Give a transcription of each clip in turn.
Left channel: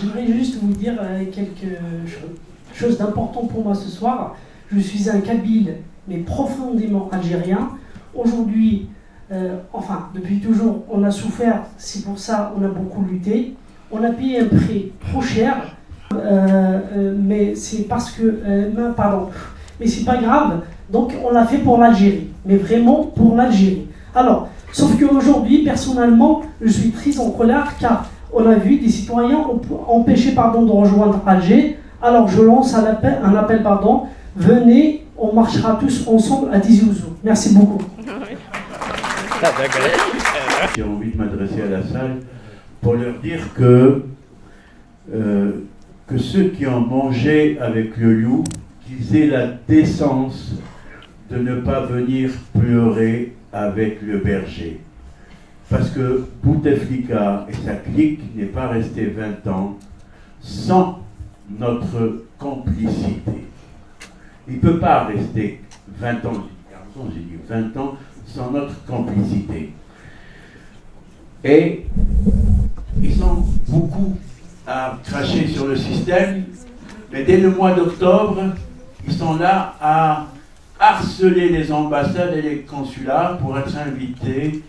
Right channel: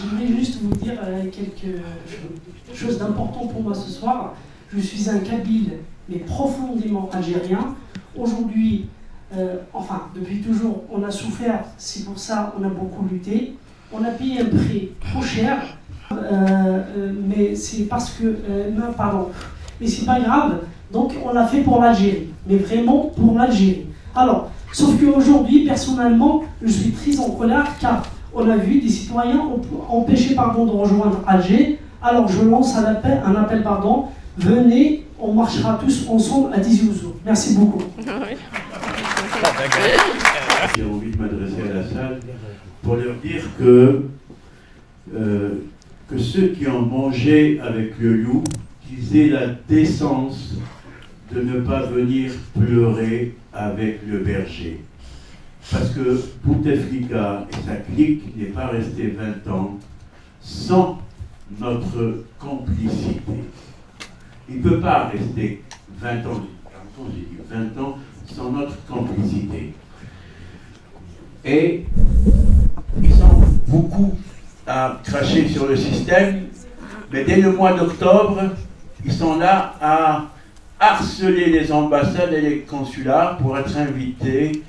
j'aimerais juste vous dire quelque chose d'important pour moi ce soir. Je suis un Kabyle, mais profondément algérien. Aujourd'hui, enfin, depuis toujours, on a souffert, c'est pour ça qu'on a beaucoup lutté. On a payé un prix trop cher, mais c'est parce que... non, pardon. Mais c'est pas grave, donc on l'a fait pour l'Algérie, mais vraiment pour l'Algérie. Alors, sauf qu'aujourd'hui, personnellement, je suis très en colère car on a vu des citoyens empêchés de rejoindre Alger. Alors je lance un appel, venez, on marchera tous ensemble à Tizi Ouzou. Merci beaucoup. J'ai envie de m'adresser à la salle pour leur dire que ceux qui ont mangé avec le loup, qu'ils aient la décence de ne pas venir pleurer avec le berger. Parce que Bouteflika et sa clique n'est pas resté 20 ans sans notre complicité. Il ne peut pas rester 20 ans, j'ai dit 20 ans sans notre complicité. Et ils sont beaucoup à cracher sur le système, mais dès le mois d'octobre, ils sont là à harceler les ambassades et les consulats pour être invités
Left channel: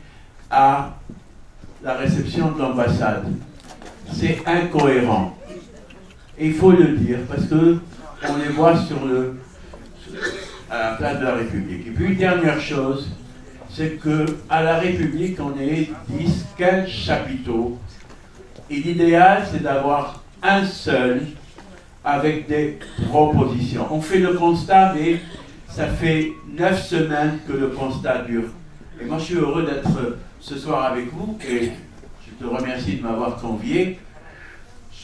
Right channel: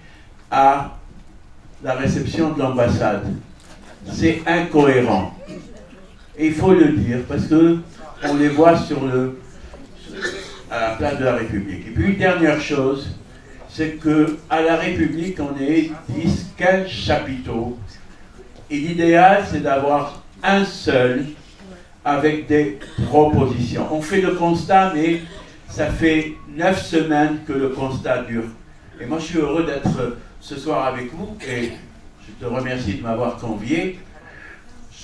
à la réception de l'ambassade. C'est incohérent. Et il faut le dire, parce qu'on les voit à la place de la République. Et puis une dernière chose, c'est qu'à la République, on est 10, 15 chapiteaux. Et l'idéal, c'est d'avoir un seul avec des propositions. On fait le constat, mais ça fait 9 semaines que le constat dure. Et moi, je suis heureux d'être ce soir avec vous et je te remercie de m'avoir convié.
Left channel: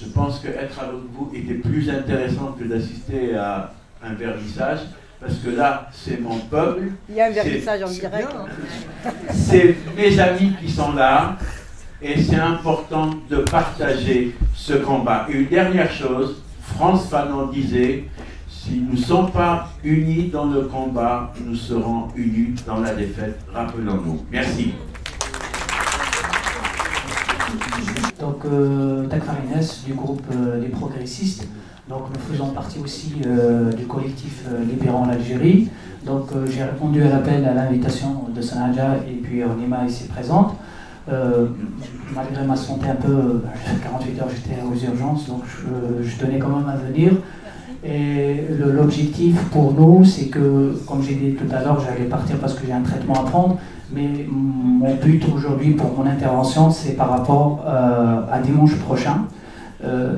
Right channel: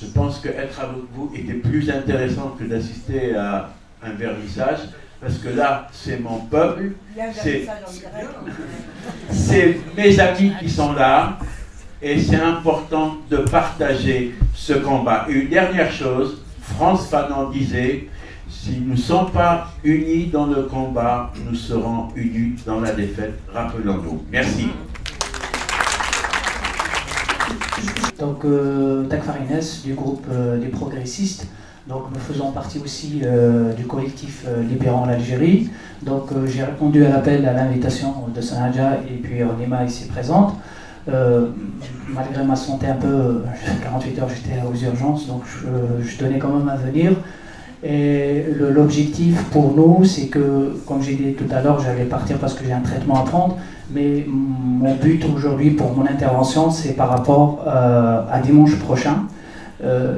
Je pense qu'être avec vous était plus intéressant que d'assister à un vernissage, parce que là, c'est mon peuple. Il y a un vernissage en direct. C'est mes amis qui sont là et c'est important de partager ce combat. Et une dernière chose, Frantz Fanon disait, si nous ne sommes pas unis dans le combat, nous serons unis dans la défaite. Rappelons-nous. Merci. Donc, Takfarines, du groupe des progressistes. Donc, nous faisons partie aussi du collectif Libérant l'Algérie. Donc, j'ai répondu à l'appel, à l'invitation de Sanadja et puis Nima ici présente. Malgré ma santé un peu, 48 heures j'étais aux urgences, donc je tenais quand même à venir. Et l'objectif pour nous, c'est que, comme j'ai dit tout à l'heure, j'allais partir parce que j'ai un traitement à prendre, mais mon but aujourd'hui pour mon intervention, c'est par rapport à dimanche prochain.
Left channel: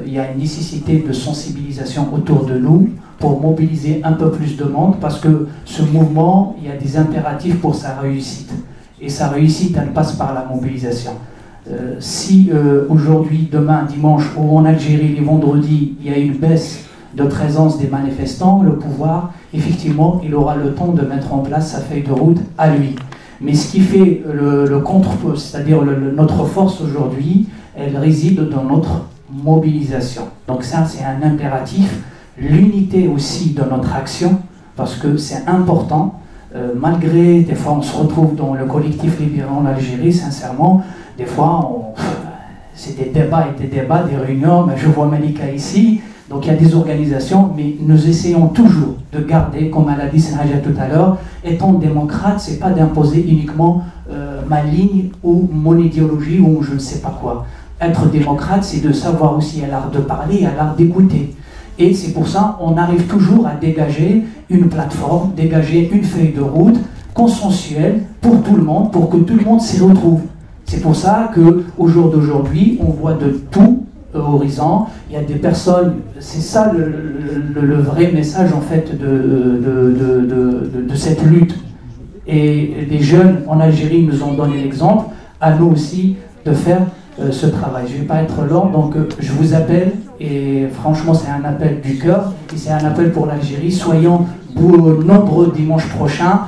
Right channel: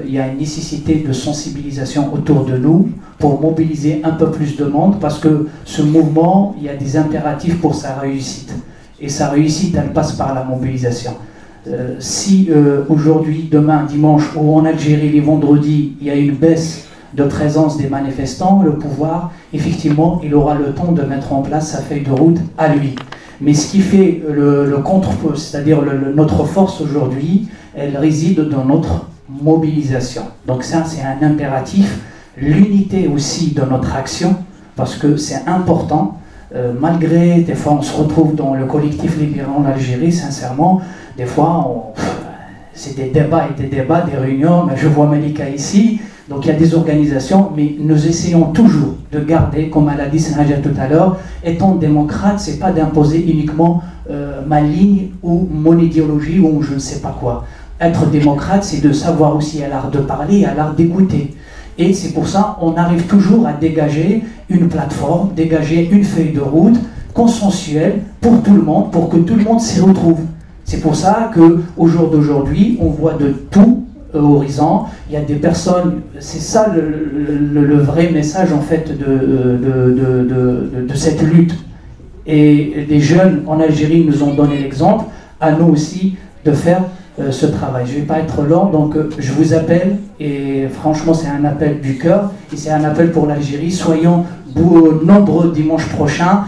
Il y a une nécessité de sensibilisation autour de nous pour mobiliser un peu plus de monde, parce que ce mouvement, il y a des impératifs pour sa réussite. Et sa réussite, elle passe par la mobilisation. Si aujourd'hui, demain, dimanche, ou en Algérie, les vendredis, il y a une baisse de présence des manifestants, le pouvoir, effectivement, il aura le temps de mettre en place sa feuille de route à lui. Mais ce qui fait le contre-feu, c'est-à-dire notre force aujourd'hui, elle réside dans notre mobilisation. Donc ça, c'est un impératif. L'unité aussi de notre action, parce que c'est important. Malgré, des fois, on se retrouve dans le collectif Libérant l'Algérie, sincèrement, des fois, c'est des débats et des débats, des réunions, mais je vois Malika ici, donc il y a des organisations, mais nous essayons toujours de garder, comme elle a dit Sanadja tout à l'heure, étant démocrate, c'est pas d'imposer uniquement ma ligne ou mon idéologie ou je ne sais pas quoi. Être démocrate, c'est de savoir aussi à l'art de parler, à l'art d'écouter. Et c'est pour ça qu'on arrive toujours à dégager une plateforme, dégager une feuille de route consensuelle pour tout le monde, pour que tout le monde s'y retrouve. C'est pour ça qu'au jour d'aujourd'hui, on voit de tout horizon. Il y a des personnes, c'est ça le vrai message en fait de cette lutte. Et les jeunes en Algérie nous ont donné l'exemple, à nous aussi de faire ce travail. Je ne vais pas être long, donc je vous appelle, et franchement c'est un appel du cœur, et c'est un appel pour l'Algérie. Soyons nombreux dimanche prochain.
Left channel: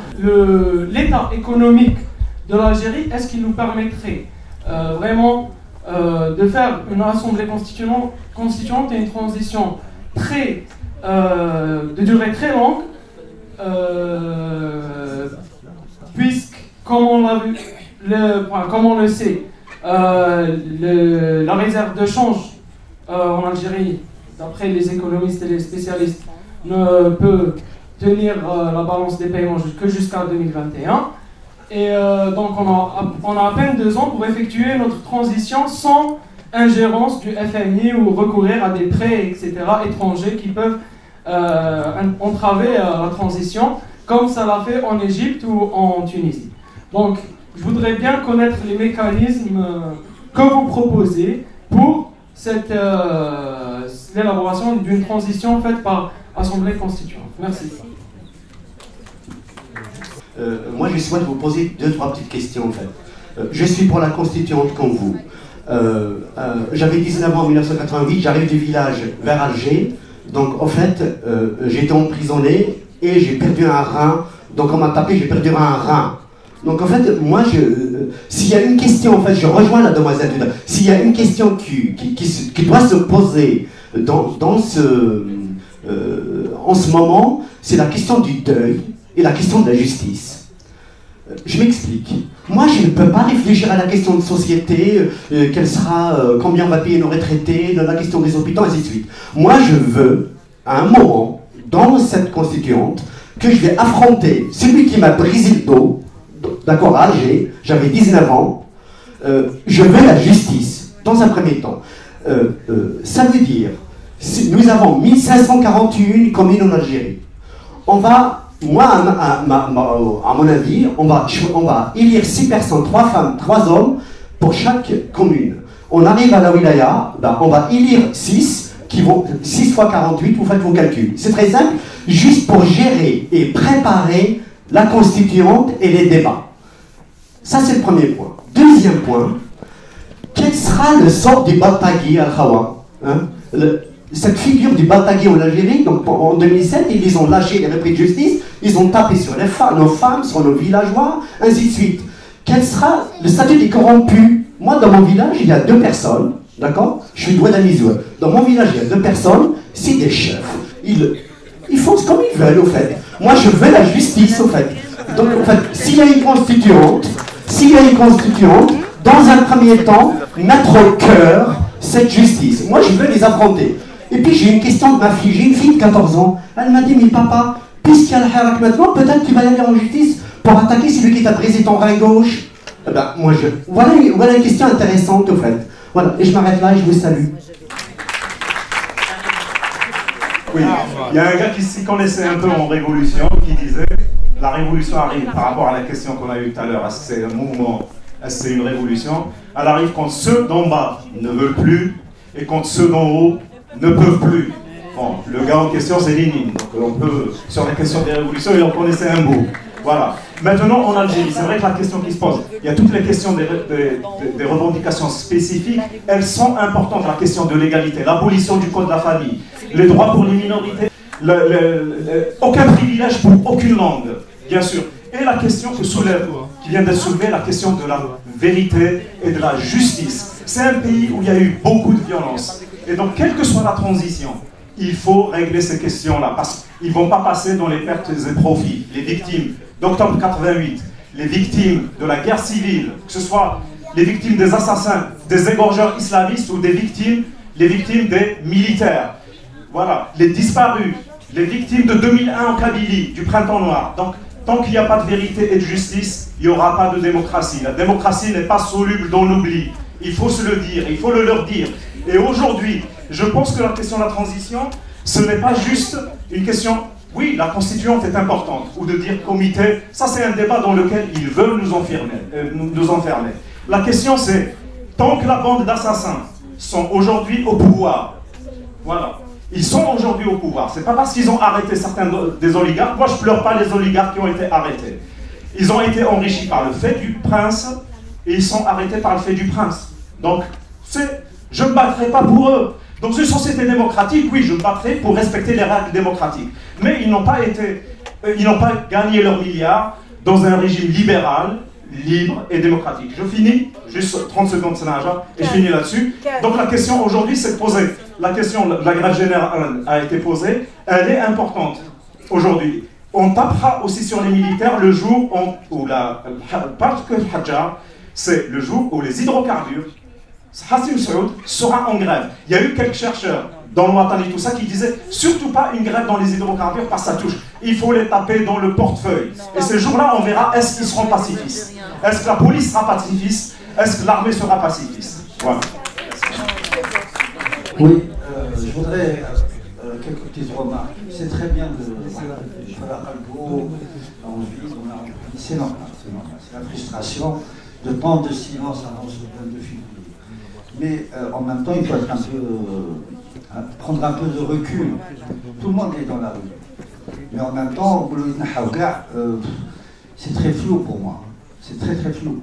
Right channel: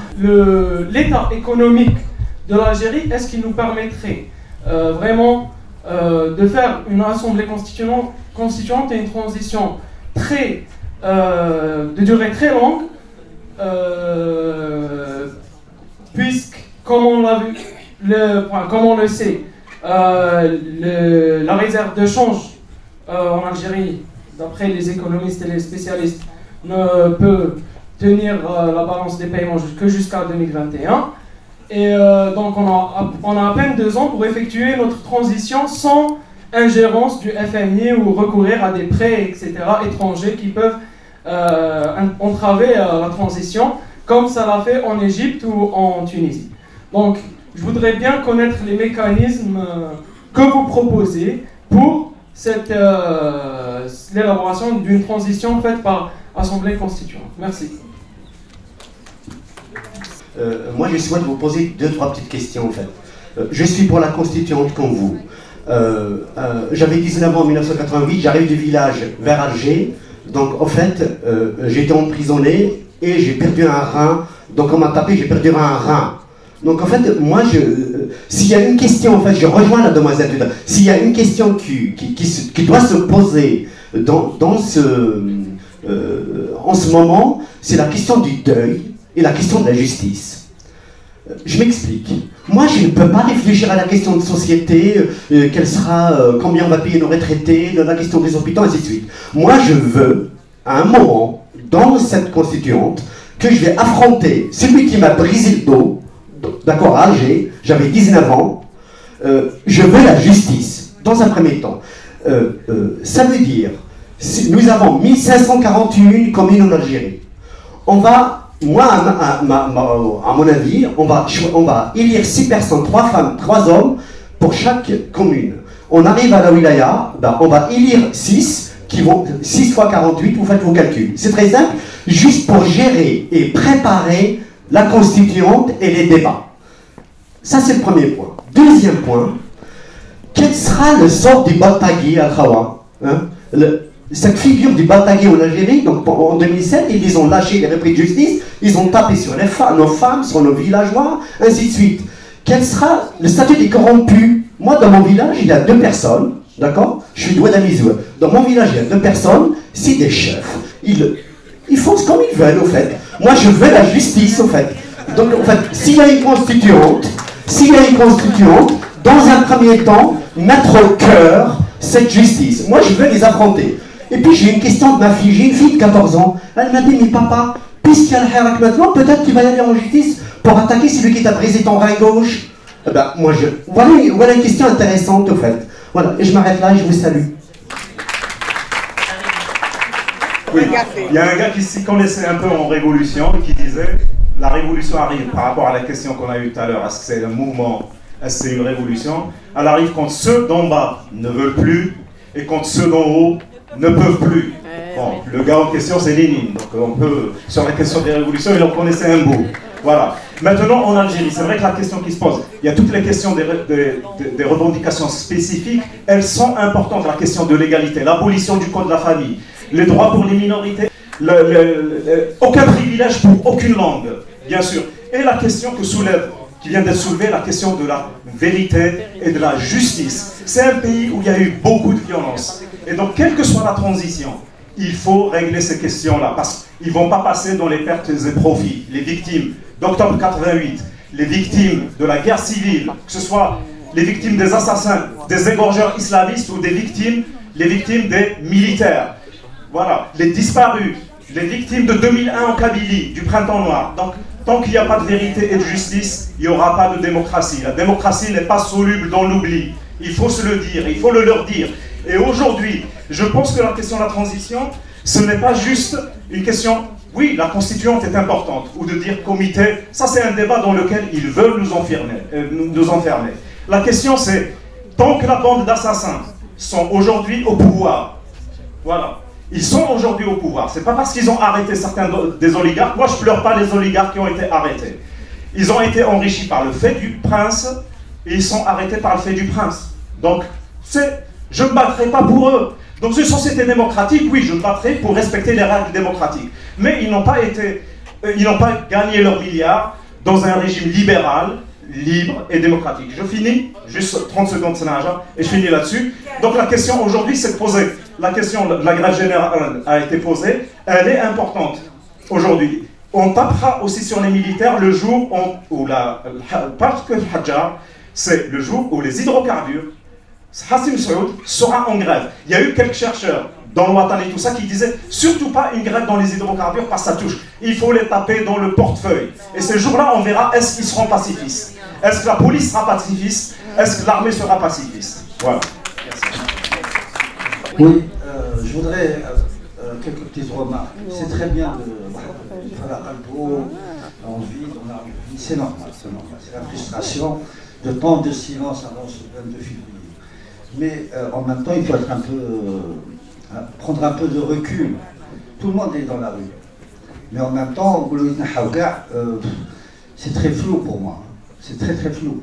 L'état économique de l'Algérie, est-ce qu'il nous permettrait vraiment de faire une assemblée constituante et une transition de durée très longue, puisque, comme on l'a vu, comme on le sait, la réserve de change en Algérie, d'après les économistes et les spécialistes, ne peut tenir la balance des paiements jusqu'à 2021. Et donc on a à peine 2 ans pour effectuer notre transition sans ingérence du FMI ou recourir à des prêts, etc., étrangers qui peuvent entraver la transition, comme ça l'a fait en Égypte ou en Tunisie. Donc, je voudrais bien connaître les mécanismes que vous proposez pour l'élaboration d'une transition faite par Assemblée constituante. Merci. Moi, je souhaite vous poser 2-3 petites questions, en fait. Je suis pour la constituante comme vous. J'avais 19 ans en 1988, j'arrive du village vers Alger. Donc, en fait, j'ai été emprisonné et j'ai perdu un rein. Donc, on m'a tapé, j'ai perdu un rein. Donc, en fait, moi, s'il y a une question, en fait, je rejoins la demoiselle Duda. S'il y a une question qui doit se poser en ce moment, c'est la question du deuil et la question de la justice. Je m'explique. Moi, je ne peux pas réfléchir à la question de société, quelle sera, combien on va payer nos retraités, la question des hôpitaux, ainsi de suite. Moi, je veux, à un moment, dans cette constituante, que je vais affronter celui qui m'a brisé le dos, d'accord, à Alger, j'avais 19 ans, je veux la justice, dans un premier temps. Ça veut dire, nous avons 1541 communes en Algérie. On va... Moi, à mon avis, on va élire 6 personnes, 3 femmes, 3 hommes pour chaque commune. On arrive à la wilaya, on va élire 6, qui vont 6 fois 48, vous faites vos calculs. C'est très simple, juste pour gérer et préparer la constituante et les débats. Ça, c'est le premier point. Deuxième point, quel sera le sort du Baltagui Al-Khawa, hein? Cette figure du Baltagui en Algérie, donc en 2007, ils les ont lâchés, les repris de justice, ils ont tapé sur nos femmes, sur nos villageois, ainsi de suite. Quel sera le statut des corrompus? Moi, dans mon village, il y a 2 personnes, d'accord? Je suis doué d'Amizoua. Dans mon village, il y a 2 personnes, c'est des chefs. Ils font comme ils veulent, au fait. Moi, je veux la justice, au fait. Donc, en fait, s'il y a une constituante, dans un premier temps, mettre au cœur cette justice. Moi, je veux les affronter. Et puis j'ai une question de ma fille, j'ai une fille de 14 ans, elle m'a dit, mais papa, puisqu'il y a le Hirak maintenant, peut-être tu vas y aller en justice pour attaquer celui qui t'a brisé ton rein gauche. Eh ben, voilà une question intéressante au fait. Voilà, et je m'arrête là et je vous salue. Oui, il y a un gars qui s'y connaissait un peu en révolution, qui disait, la révolution arrive par rapport à la question qu'on a eue tout à l'heure, est-ce que c'est un mouvement, est-ce que c'est une révolution? Elle arrive quand ceux d'en bas ne veulent plus et quand ceux d'en haut ne peuvent plus. Bon, le gars en question, c'est Lénine. Donc on peut, sur la question des révolutions, il en connaissait un bout. Voilà. Maintenant, en Algérie, c'est vrai que la question qui se pose, il y a toutes les questions des revendications spécifiques, elles sont importantes. La question de l'égalité, l'abolition du code de la famille, les droits pour les minorités, aucun privilège pour aucune langue, bien sûr. Et la question qui vient d'être soulevée, la question de la vérité et de la justice. C'est un pays où il y a eu beaucoup de violence. Et donc, quelle que soit la transition, il faut régler ces questions-là, parce qu'ils ne vont pas passer dans les pertes et profits. Les victimes d'octobre 88, les victimes de la guerre civile, que ce soit les victimes des assassins, des égorgeurs islamistes ou les victimes des militaires. Voilà, les disparus, les victimes de 2001 en Kabylie, du printemps noir. Donc, tant qu'il n'y a pas de vérité et de justice, il n'y aura pas de démocratie. La démocratie n'est pas soluble dans l'oubli. Il faut se le dire, il faut le leur dire. Et aujourd'hui, je pense que la question de la transition, ce n'est pas juste une question, oui, la constituante est importante, ou de dire comité, ça c'est un débat dans lequel ils veulent nous enfermer. La question c'est, tant que la bande d'assassins sont aujourd'hui au pouvoir, voilà, ils sont aujourd'hui au pouvoir, c'est pas parce qu'ils ont arrêté certains des oligarques, moi je pleure pas les oligarques qui ont été arrêtés. Ils ont été enrichis par le fait du prince, et ils sont arrêtés par le fait du prince. Donc, je ne me battrai pas pour eux. Dans une société démocratique, oui, je me battrai pour respecter les règles démocratiques. Mais ils n'ont pas gagné leurs milliards dans un régime libéral, libre et démocratique. Je finis, juste 30 secondes, et je finis là-dessus. Donc la question aujourd'hui, c'est de poser. La question de la grève générale a été posée, elle est importante aujourd'hui. On tapera aussi sur les militaires le jour où parce que le Hajjar, c'est le jour où les hydrocarbures Hassim Saoud sera en grève. Il y a eu quelques chercheurs dans le Watan et tout ça qui disaient surtout pas une grève dans les hydrocarbures parce que ça touche. Il faut les taper dans le portefeuille. Et ce jour-là, on verra est-ce qu'ils seront pacifistes. Est-ce que la police sera pacifiste? Est-ce que l'armée sera pacifiste? Voilà. Oui, je voudrais quelques petites remarques. C'est très bien de faire un beau, on vit, c'est normal, c'est normal. C'est la frustration de temps de silence avant ce 22 février. Mais en même temps, il faut être un peu, prendre un peu de recul. Tout le monde est dans la rue. Mais en même temps, c'est très flou pour moi. C'est très très flou.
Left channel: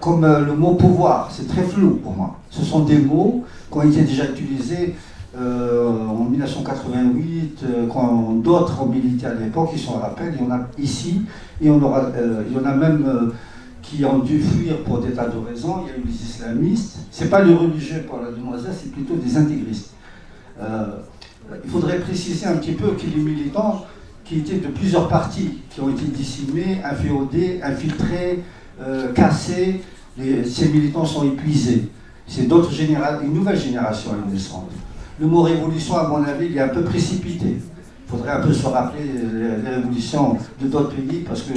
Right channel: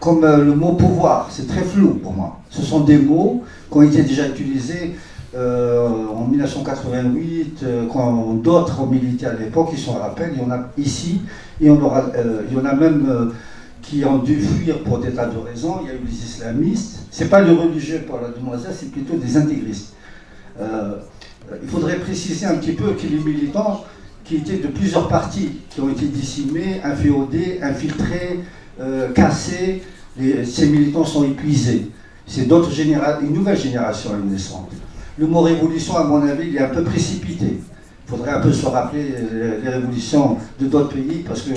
Comme le mot pouvoir, c'est très flou pour moi. Ce sont des mots qui ont été déjà utilisés en 1988, quand d'autres ont milité à l'époque, ils sont à rappel, il y en a ici, et il y en a même qui ont dû fuir pour des tas de raisons. Il y a eu les islamistes, c'est pas les religieux pour la demoiselle, c'est plutôt des intégristes. Il faudrait préciser un petit peu que les militants qui étaient de plusieurs partis, qui ont été dissimés, inféodés, infiltrés, cassés, ces militants sont épuisés. C'est une nouvelle génération naissante. Le mot révolution, à mon avis, il est un peu précipité. Il faudrait un peu se rappeler les révolutions de d'autres pays, parce que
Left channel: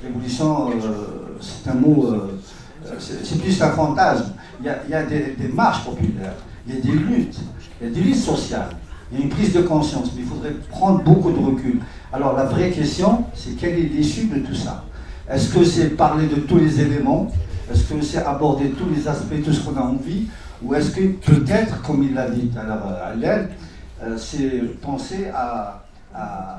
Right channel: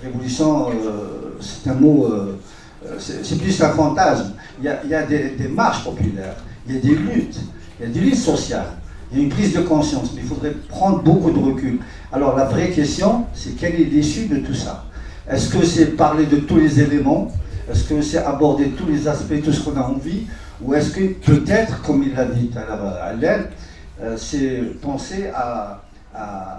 révolution, c'est un mot, c'est plus un fantasme. Il y a des marches populaires, il y a des luttes sociales, il y a une prise de conscience, mais il faudrait prendre beaucoup de recul. Alors la vraie question, c'est quelle est l'issue de tout ça? Est-ce que c'est parler de tous les éléments? Est-ce que c'est aborder tous les aspects, tout ce qu'on a envie? Ou est-ce que peut-être, comme il l'a dit à l'aile, c'est penser à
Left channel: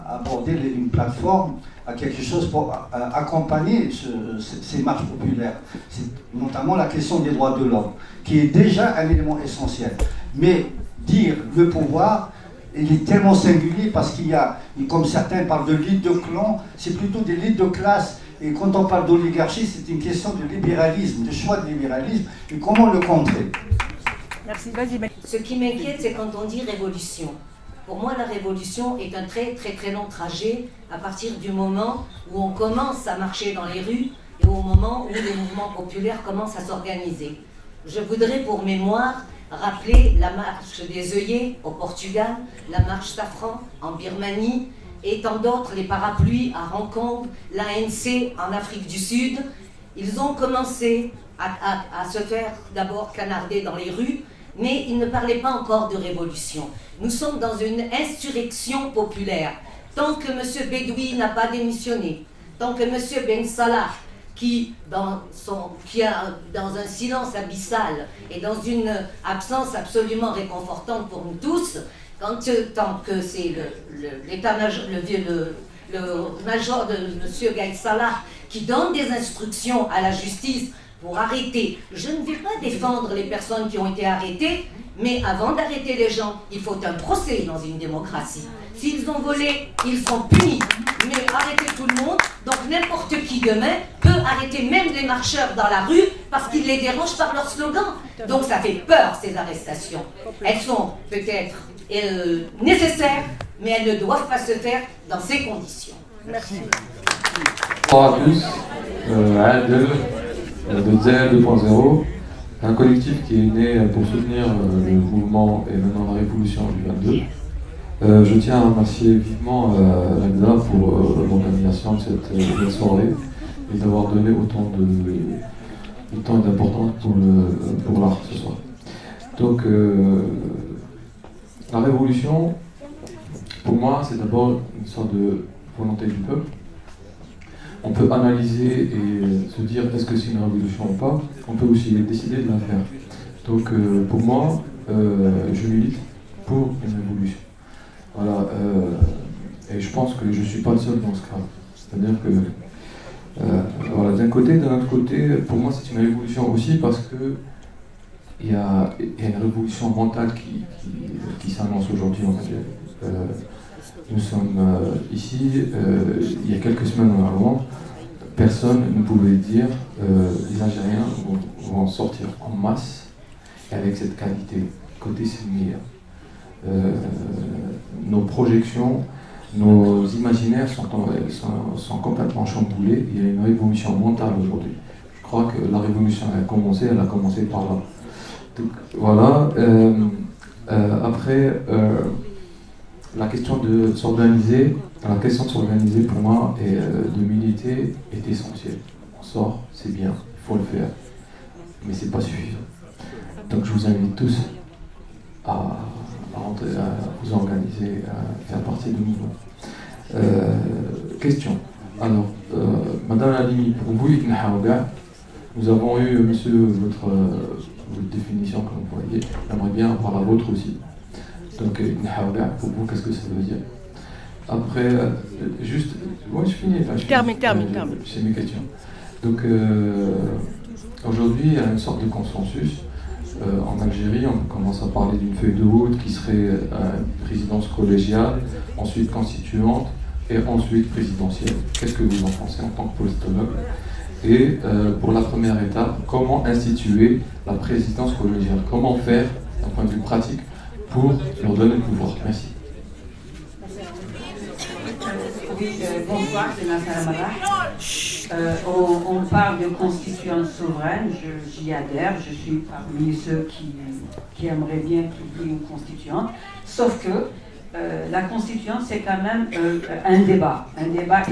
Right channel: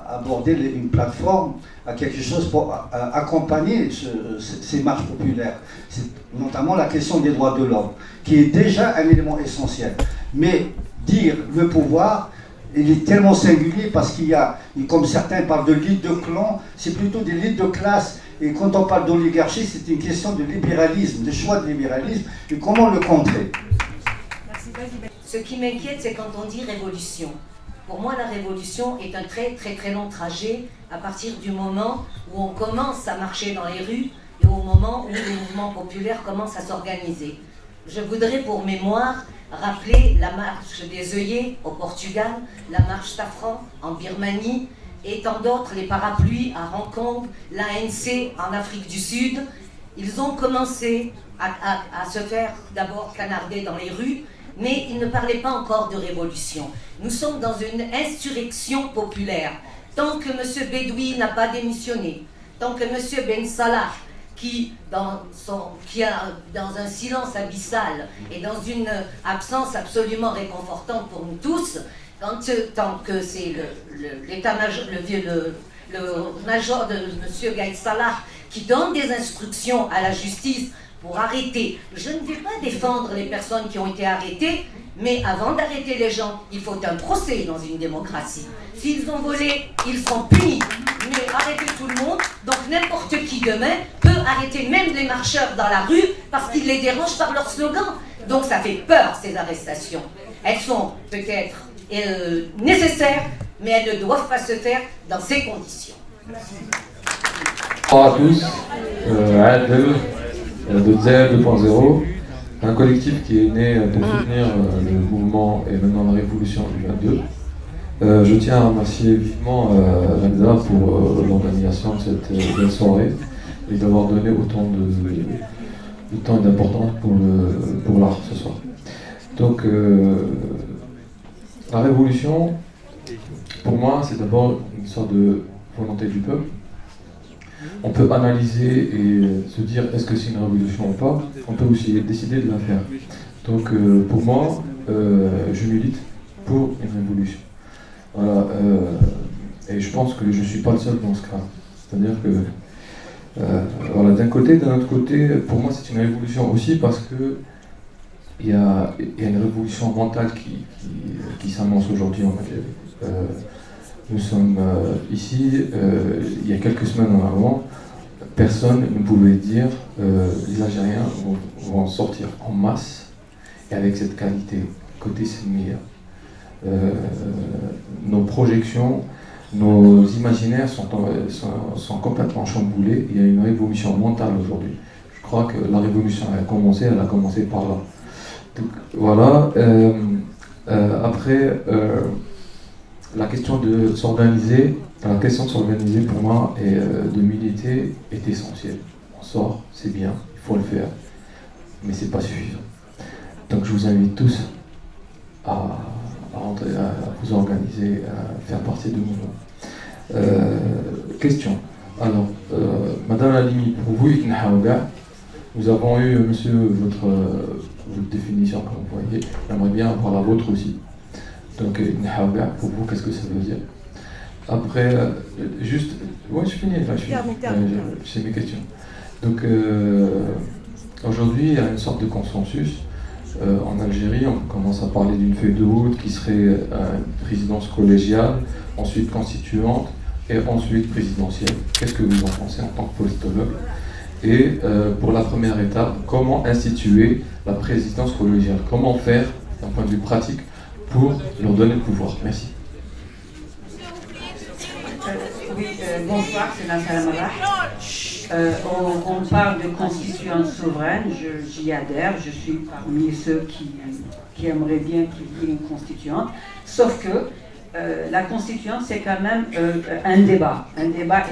aborder une plateforme, à quelque chose pour accompagner ces marches populaires? C'est notamment la question des droits de l'homme, qui est déjà un élément essentiel. Mais dire le pouvoir, il est tellement singulier parce qu'il y a, comme certains parlent de lutte de clan, c'est plutôt des luttes de classe. Et quand on parle d'oligarchie, c'est une question de libéralisme, de choix de libéralisme, et comment le contrer? Ce qui m'inquiète, c'est quand on dit révolution. Pour moi, la révolution est un très très très long trajet à partir du moment où on commence à marcher dans les rues et au moment où les mouvements populaires commencent à s'organiser. Je voudrais pour mémoire rappeler la marche des œillets au Portugal, la marche Safran en Birmanie, et tant d'autres, les parapluies à Hong Kong, l'ANC en Afrique du Sud. Ils ont commencé à se faire d'abord canarder dans les rues, mais ils ne parlaient pas encore de révolution. Nous sommes dans une insurrection populaire. Tant que M. Bedoui n'a pas démissionné, tant que M. Ben Salah, qui dans un silence abyssal et dans une absence absolument réconfortante pour nous tous, tant que c'est le major de M. Gaïd Salah qui donne des instructions à la justice pour arrêter. Je ne vais pas défendre les personnes qui ont été arrêtées, mais avant d'arrêter les gens, il faut un procès dans une démocratie. S'ils ont volé, ils seront punis. Mais arrêter tout le monde, donc n'importe qui demain peut arrêter même des marcheurs dans la rue parce qu'ils les dérangent par leur slogan. Donc ça fait peur, ces arrestations. Elles sont peut-être nécessaires, mais elles ne doivent pas se faire dans ces conditions. Merci. Bonjour à tous. Adel de ZEL 2.0, un collectif qui est né pour soutenir le mouvement et maintenant la révolution du 22. Je tiens à remercier vivement Reza pour l'organisation de cette belle soirée et d'avoir donné autant de temps et d'importance pour l'art ce soir. Donc la révolution, pour moi, c'est d'abord une sorte de volonté du peuple. On peut analyser et se dire est-ce que c'est une révolution ou pas. On peut aussi décider de la faire. Donc pour moi, je milite pour une révolution. Voilà, et je pense que je ne suis pas le seul dans ce cas. C'est-à-dire que voilà, d'un côté, d'un autre côté, pour moi c'est une révolution aussi parce que il y a une révolution mentale qui s'annonce aujourd'hui en fait. Nous sommes ici, il y a quelques semaines avant, personne ne pouvait dire les Algériens vont sortir en masse et avec cette qualité. Côté c'est meilleur. Nos projections, nos imaginaires sont complètement chamboulés. Il y a une révolution mentale aujourd'hui. Je crois que la révolution elle a commencé par là. Donc, voilà. Après, la question de s'organiser, pour moi et de militer est essentielle. On sort, c'est bien, il faut le faire, mais c'est pas suffisant. Donc je vous invite tous à vous organiser, à faire partie du mouvement. Question. Alors, Madame Halimi, pour vous, nous avons eu, monsieur, votre définition que vous voyez. J'aimerais bien avoir la vôtre aussi. Donc, pour vous, qu'est-ce que ça veut dire? Après, juste. Ouais, je finis. Termine. C'est mes questions. Donc, aujourd'hui, il y a une sorte de consensus. En Algérie, on commence à parler d'une feuille de route qui serait une présidence collégiale, ensuite constituante et ensuite présidentielle. Qu'est-ce que vous en pensez en tant que politologue? Et pour la première étape, comment instituer la présidence collégiale? Comment faire, d'un point de vue pratique, pour leur donner le pouvoir? Merci. Oui, bonsoir, c'est Nassala Marah. On parle de constituante souveraine, j'y adhère, je suis parmi ceux qui aimeraient bien qu'il y ait une constituante, sauf que la constituante c'est quand même un débat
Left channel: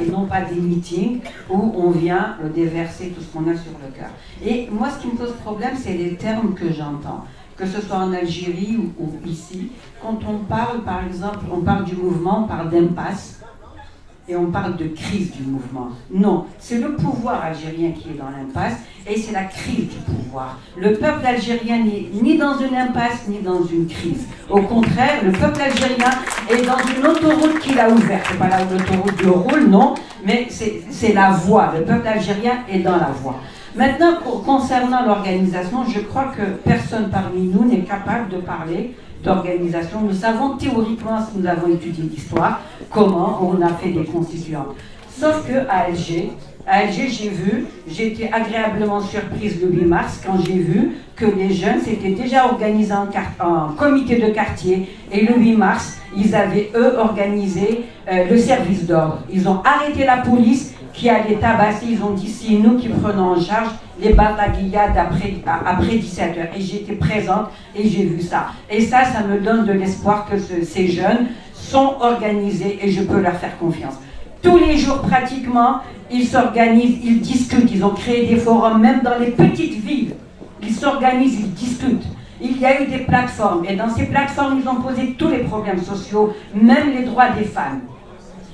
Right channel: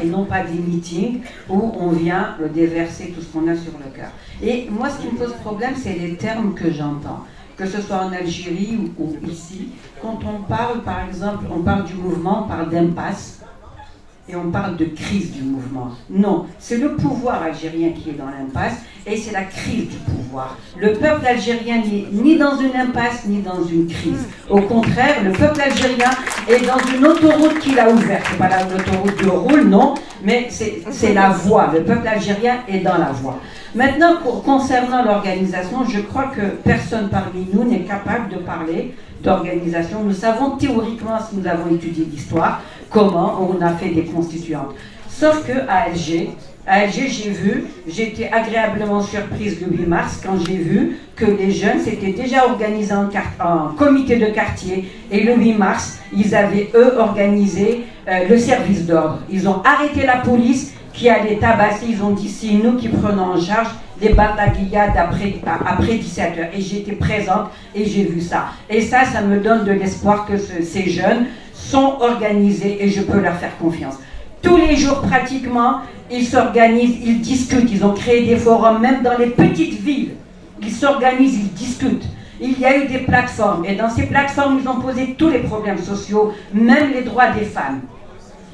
et non pas des meetings où on vient déverser tout ce qu'on a sur le cœur. Et moi ce qui me pose problème c'est les termes que j'entends, que ce soit en Algérie ou ici, quand on parle par exemple, on parle du mouvement, on parle d'impasse, et on parle de crise du mouvement. Non, c'est le pouvoir algérien qui est dans l'impasse et c'est la crise du pouvoir. Le peuple algérien n'est ni dans une impasse ni dans une crise. Au contraire, le peuple algérien est dans une autoroute qu'il a ouverte. C'est pas l'autoroute de roule, non, mais c'est la voie. Le peuple algérien est dans la voie. Maintenant, concernant l'organisation, je crois que personne parmi nous n'est capable de parler d'organisation. Nous savons théoriquement, si nous avons étudié l'histoire, comment on a fait des constituantes. Sauf qu'à Alger, j'ai été agréablement surprise le 8 mars quand j'ai vu que les jeunes s'étaient déjà organisés en comité de quartier et le 8 mars, ils avaient eux organisé le service d'ordre. Ils ont arrêté la police qui allait tabasser, ils ont dit c'est nous qui prenons en charge les bataillades après 17h. Et j'étais présente et j'ai vu ça. Et ça me donne de l'espoir que ces jeunes sont organisés et je peux leur faire confiance. Tous les jours pratiquement, ils s'organisent, ils discutent, ils ont créé des forums, même dans les petites villes. Ils s'organisent, ils discutent. Il y a eu des plateformes et dans ces plateformes, ils ont posé tous les problèmes sociaux, même les droits des femmes.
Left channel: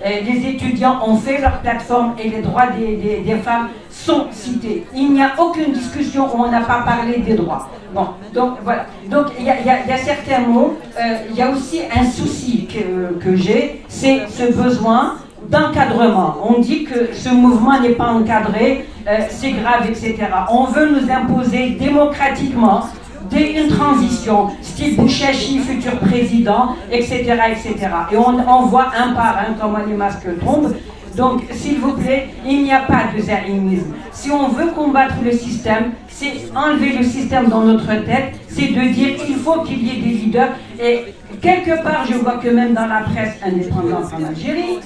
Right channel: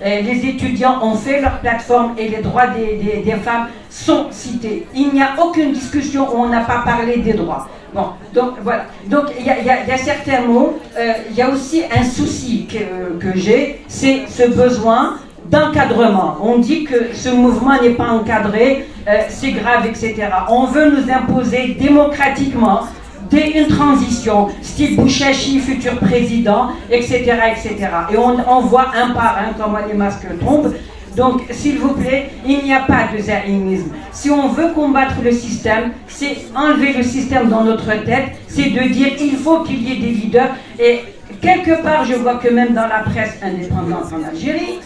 Les étudiants ont fait leur plateforme et les droits des femmes sont cités. Il n'y a aucune discussion où on n'a pas parlé des droits. Bon, donc voilà. Donc il y a certains mots. Il y a aussi un souci que j'ai, c'est ce besoin d'encadrement. On dit que ce mouvement n'est pas encadré, c'est grave, etc. On veut nous imposer démocratiquement une transition, style Bouchachi, futur président, etc., etc. Et on voit un par un comment les masques tombent. Donc, s'il vous plaît, il n'y a pas de zaïnisme. Si on veut combattre le système, c'est enlever le système dans notre tête, c'est de dire il faut qu'il y ait des leaders. Et quelque part, je vois que même dans la presse indépendante en Algérie,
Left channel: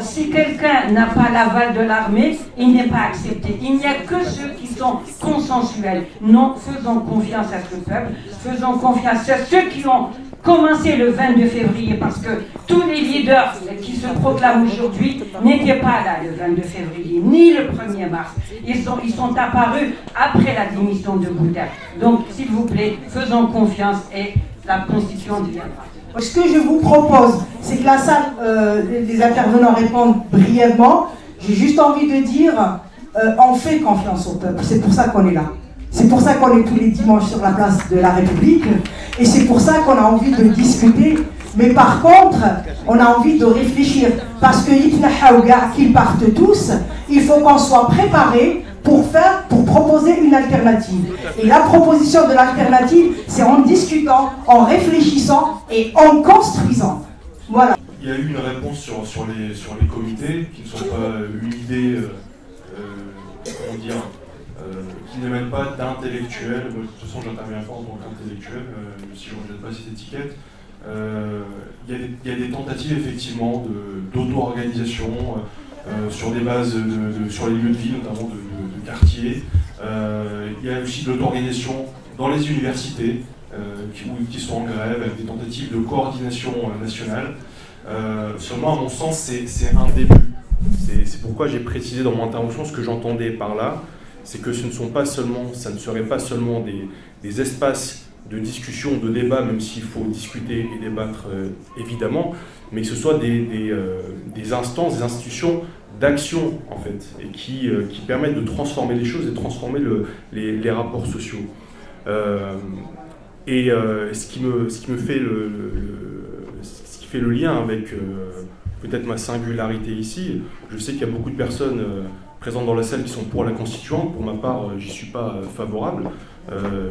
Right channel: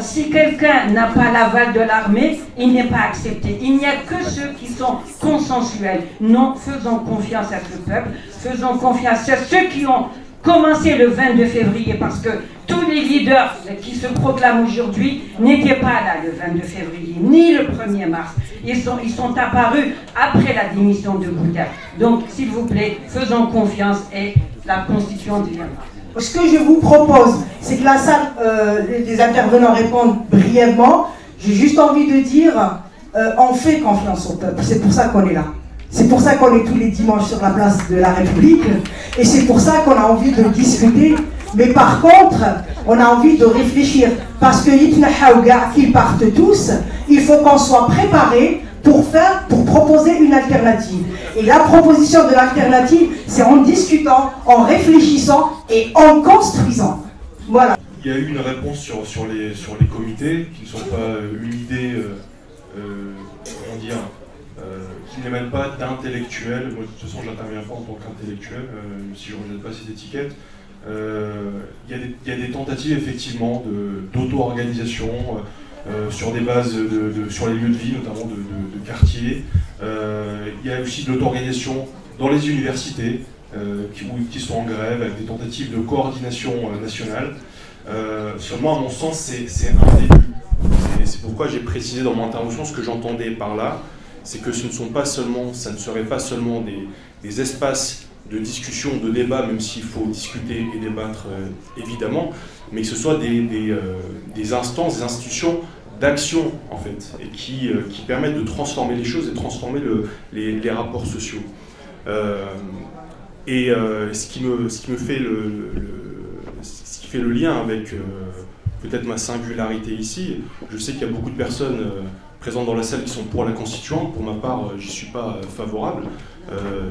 si quelqu'un n'a pas l'aval de l'armée, il n'est pas accepté. Il n'y a que ceux qui sont consensuels. Non, faisons confiance à ce peuple, faisons confiance à ceux qui ont commencé le 22 février, parce que tous les leaders qui se proclament aujourd'hui n'étaient pas là le 22 février, ni le 1er mars. Ils sont apparus après la démission de Bouteflika. Donc, s'il vous plaît, faisons confiance et la constituante viendra. Ce que je vous propose, c'est que la salle, les intervenants répondent brièvement. J'ai juste envie de dire, on fait confiance au peuple. C'est pour ça qu'on est là. C'est pour ça qu'on est tous les dimanches sur la place de la République. Et c'est pour ça qu'on a envie de discuter. Mais par contre, on a envie de réfléchir. Parce que qu'ils partent tous, il faut qu'on soit préparé pour proposer une alternative. Et la proposition de l'alternative, c'est en discutant, en réfléchissant et en construisant. Voilà. Il y a eu une réponse sur les comités qui ne sont pas une idée, comment dire, qui n'émène pas d'intellectuels. De toute façon, j'interviens pas en tant qu'intellectuel, si je ne rejette pas cette étiquette. Il y a des tentatives effectivement d'auto-organisation sur des bases sur les lieux de vie, notamment de quartiers. Il y a aussi de l'auto-organisation dans les universités, qui sont en grève, avec des tentatives de coordination nationale. Seulement, à mon sens, c'est un début. C'est pourquoi j'ai précisé dans mon intervention ce que j'entendais par là, c'est que ça ne serait pas seulement des espaces de discussion, de débat, même s'il faut discuter et débattre évidemment, mais que ce soit des instances, des institutions d'action en fait, et qui permettent de transformer les choses et de transformer les rapports sociaux. Ce qui fait le lien avec peut-être ma singularité ici, je sais qu'il y a beaucoup de personnes présentes dans la salle qui sont pour la constituante. Pour ma part, j'y suis pas favorable.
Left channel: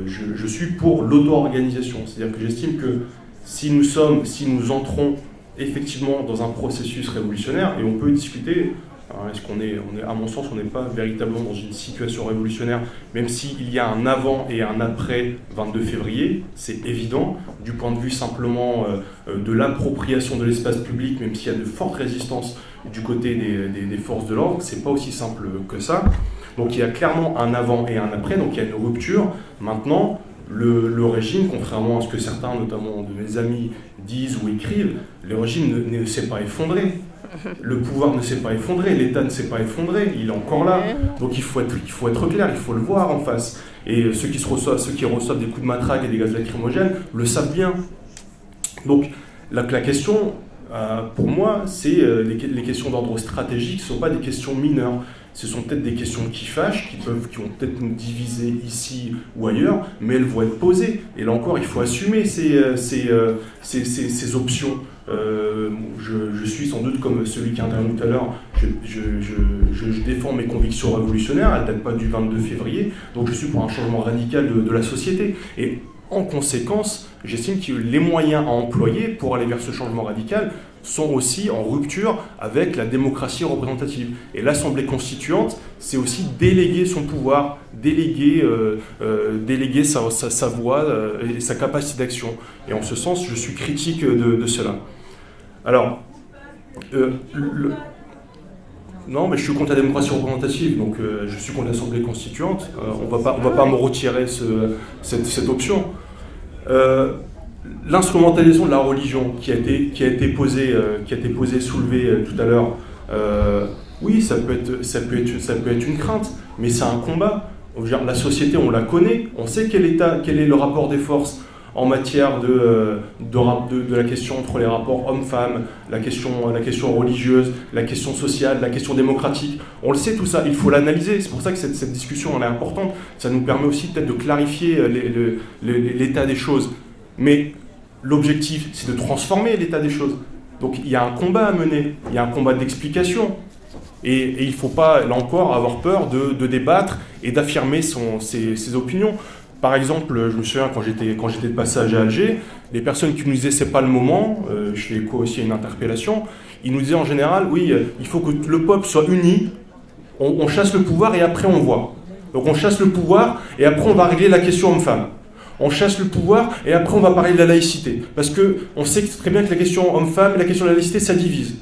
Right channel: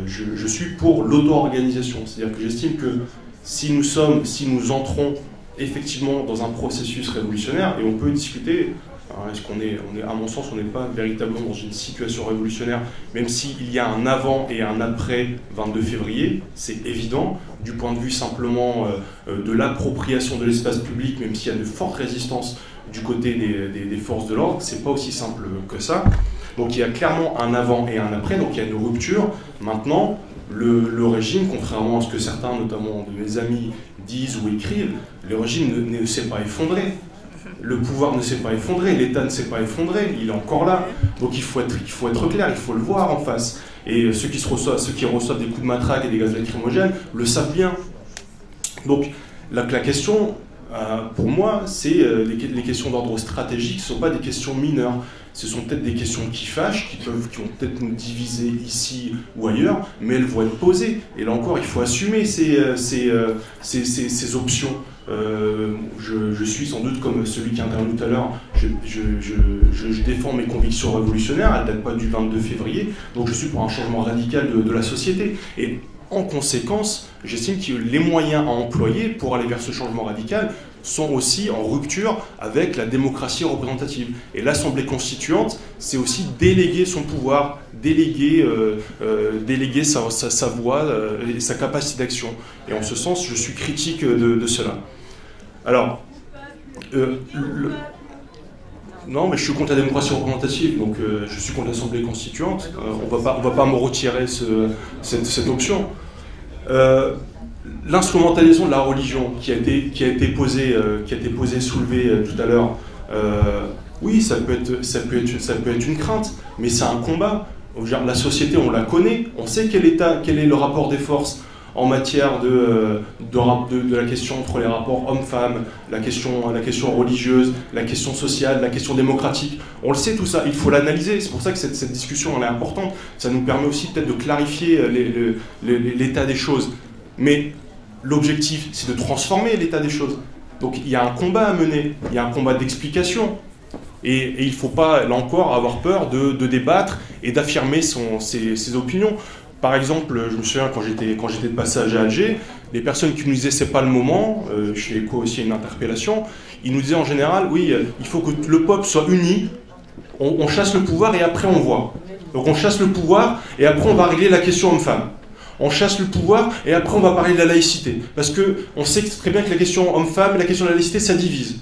Je suis pour l'auto-organisation. C'est-à-dire que j'estime que si nous entrons effectivement dans un processus révolutionnaire, et on peut discuter, est-ce qu'on est, à mon sens, on n'est pas véritablement dans une situation révolutionnaire, même s'il y a un avant et un après 22 février, c'est évident, du point de vue simplement de l'appropriation de l'espace public, même s'il y a de fortes résistances du côté des forces de l'ordre, c'est pas aussi simple que ça. Donc il y a clairement un avant et un après, donc il y a une rupture. Maintenant, le régime, contrairement à ce que certains, notamment de mes amis, disent ou écrivent, le régime ne s'est pas effondré. Le pouvoir ne s'est pas effondré, l'État ne s'est pas effondré, il est encore là. Donc il faut être clair, il faut le voir en face. Et ceux qui reçoivent des coups de matraque et des gaz lacrymogènes le savent bien. Donc la question, pour moi, c'est les questions d'ordre stratégique ne sont pas des questions mineures. Ce sont peut-être des questions qui fâchent, qui vont peut-être nous diviser ici ou ailleurs, mais elles vont être posées. Et là encore, il faut assumer ces options. Je suis sans doute comme celui qui a intervenu tout à l'heure, je défends mes convictions révolutionnaires, elles ne datent pas du 22 février, donc je suis pour un changement radical de la société. Et en conséquence, j'estime que les moyens à employer pour aller vers ce changement radical sont aussi en rupture avec la démocratie représentative. Et l'Assemblée constituante, c'est aussi déléguer son pouvoir, déléguer sa voix et sa capacité d'action. Et en ce sens, je suis critique de cela. Alors, non, mais je suis contre la démocratie représentative, donc je suis contre l'Assemblée constituante. On va pas me retirer cette option. L'instrumentalisation de la religion qui a été posée, soulevée tout à l'heure, oui, ça peut être une crainte, mais c'est un combat. La société, on la connaît, on sait quel est le rapport des forces en matière de la question entre les rapports hommes-femmes, la question religieuse, la question sociale, la question démocratique. On le sait tout ça, il faut l'analyser. C'est pour ça que cette discussion elle est importante. Ça nous permet aussi peut-être de clarifier l'état des choses. Mais l'objectif, c'est de transformer l'état des choses. Donc il y a un combat à mener, il y a un combat d'explication. Et il ne faut pas, là encore, avoir peur de débattre et d'affirmer ses opinions. Par exemple, je me souviens quand j'étais de passage à Alger, les personnes qui nous disaient c'est pas le moment, je fais écho aussi à une interpellation, ils nous disaient en général, oui, il faut que le peuple soit uni, on chasse le pouvoir et après on voit. Donc on chasse le pouvoir et après on va régler la question homme-femme. On chasse le pouvoir et après on va parler de la laïcité. Parce qu'on sait très bien que la question homme-femme et la question de la laïcité, ça divise.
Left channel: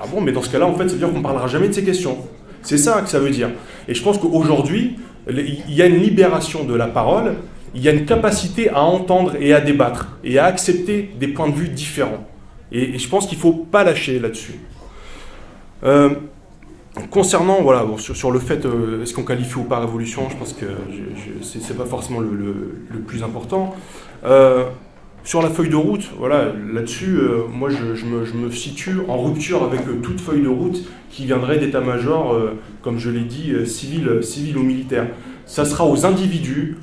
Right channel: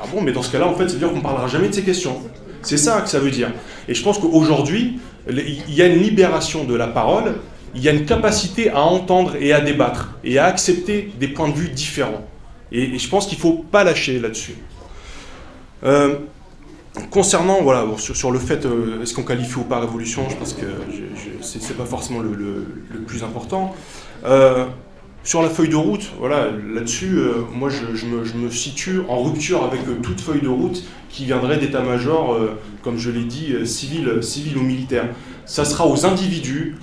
Ah bon, mais dans ce cas-là, en fait, ça veut dire qu'on ne parlera jamais de ces questions. C'est ça que ça veut dire. Et je pense qu'aujourd'hui, il y a une libération de la parole, il y a une capacité à entendre et à débattre, et à accepter des points de vue différents. Et je pense qu'il ne faut pas lâcher là-dessus. Concernant, voilà, bon, sur le fait, est-ce qu'on qualifie ou pas révolution, je pense que ce n'est pas forcément le plus important. Sur la feuille de route, voilà, là-dessus, moi je me situe en rupture avec toute feuille de route qui viendrait d'état-major, comme je l'ai dit, civil ou militaire. Ça sera aux individus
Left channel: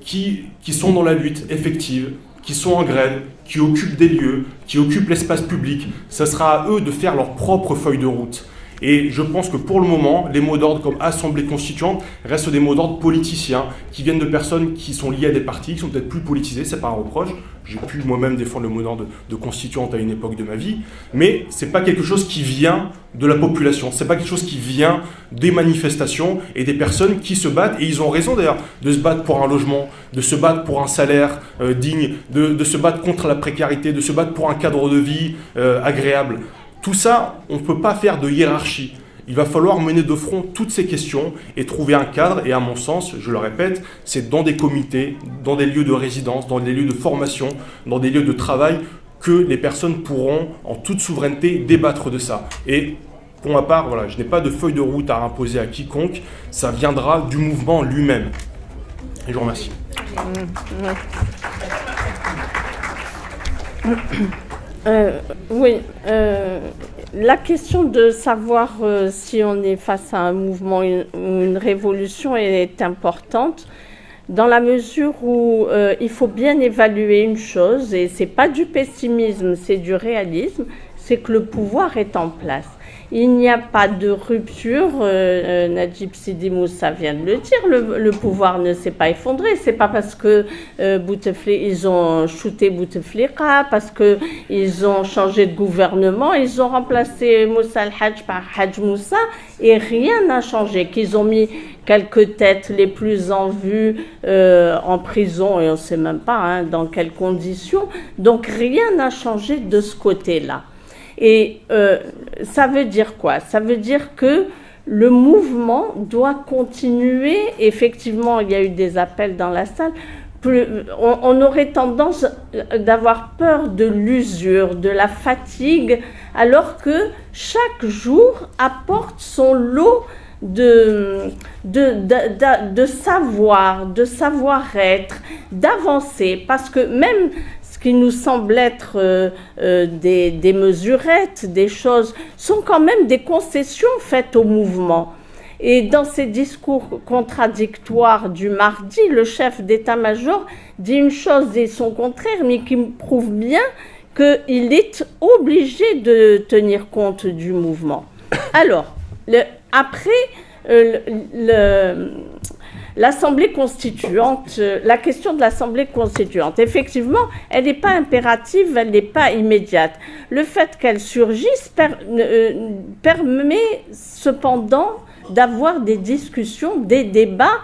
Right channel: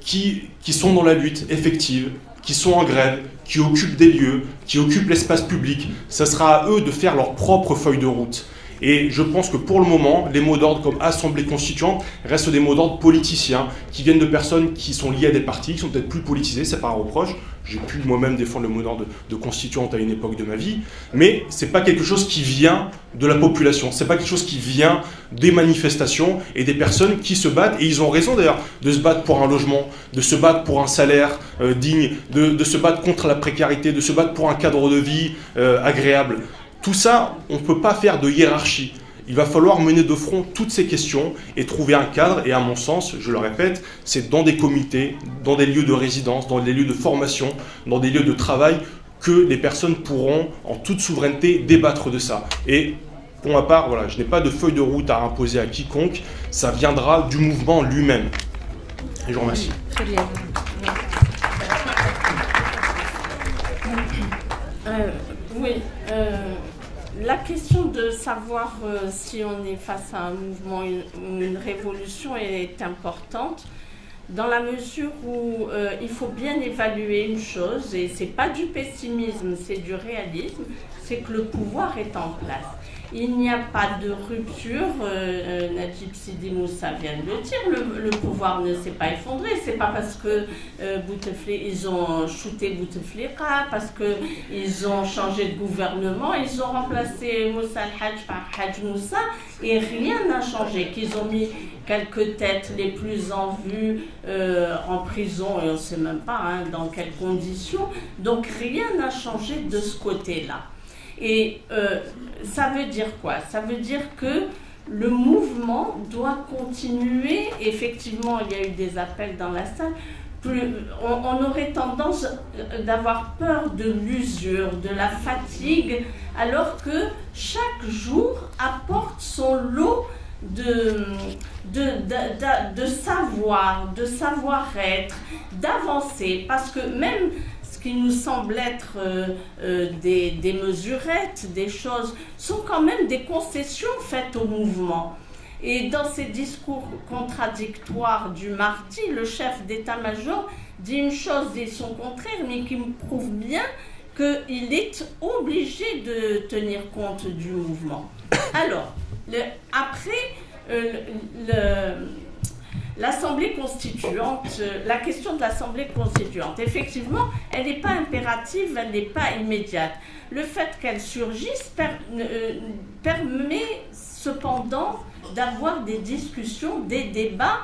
qui sont dans la lutte effective, qui sont en grève, qui occupent des lieux, qui occupent l'espace public. Ça sera à eux de faire leur propre feuille de route. Et je pense que pour le moment, les mots d'ordre comme Assemblée constituante restent des mots d'ordre politiciens qui viennent de personnes qui sont liées à des partis, qui sont peut-être plus politisés, c'est pas un reproche. J'ai pu moi-même défendre le mot d'ordre de constituante à une époque de ma vie, mais c'est pas quelque chose qui vient de la population, c'est pas quelque chose qui vient des manifestations et des personnes qui se battent, et ils ont raison d'ailleurs de se battre pour un logement, de se battre pour un salaire digne, de se battre contre la précarité, de se battre pour un cadre de vie agréable. Tout ça, on ne peut pas faire de hiérarchie. Il va falloir mener de front toutes ces questions et trouver un cadre. Et à mon sens, je le répète, c'est dans des comités, dans des lieux de résidence, dans des lieux de formation, dans des lieux de travail que les personnes pourront, en toute souveraineté, débattre de ça. Et pour ma part, voilà, je n'ai pas de feuille de route à imposer à quiconque. Ça viendra du mouvement lui-même. Et je vous remercie. Très bien. Oui. La question de savoir si on est face à un mouvement ou une révolution est importante dans la mesure où il faut bien évaluer une chose, et ce n'est pas du pessimisme, c'est du réalisme, c'est que le pouvoir est en place. Il n'y a pas de rupture, Najib Sidi Moussa vient de le dire, le pouvoir ne s'est pas effondré. C'est pas parce que ils ont shooté Bouteflika, parce qu'ils ont changé de gouvernement, ils ont remplacé Moussa al-Hajj par Hajj Moussa et rien n'a changé. Qu'ils ont mis quelques têtes les plus en vue en prison et on ne sait même pas dans quelles conditions. Donc rien n'a changé de ce côté-là. Et ça veut dire quoi? Ça veut dire que le mouvement doit continuer. Effectivement, il y a eu des appels dans la salle. On aurait tendance d'avoir peur de l'usure, de la fatigue, alors que chaque jour apporte son lot de savoir, de savoir-être, d'avancer. Parce que même ce qui nous semble être des mesurettes, des choses, sont quand même des concessions faites au mouvement. Et dans ces discours contradictoires du mardi, le chef d'état-major dit une chose et son contraire, mais qui prouve bien qu'il est obligé de tenir compte du mouvement. Alors, l'Assemblée constituante, la question de l'Assemblée constituante, effectivement, elle n'est pas impérative, elle n'est pas immédiate. Le fait qu'elle surgisse permet cependant d'avoir des discussions, des débats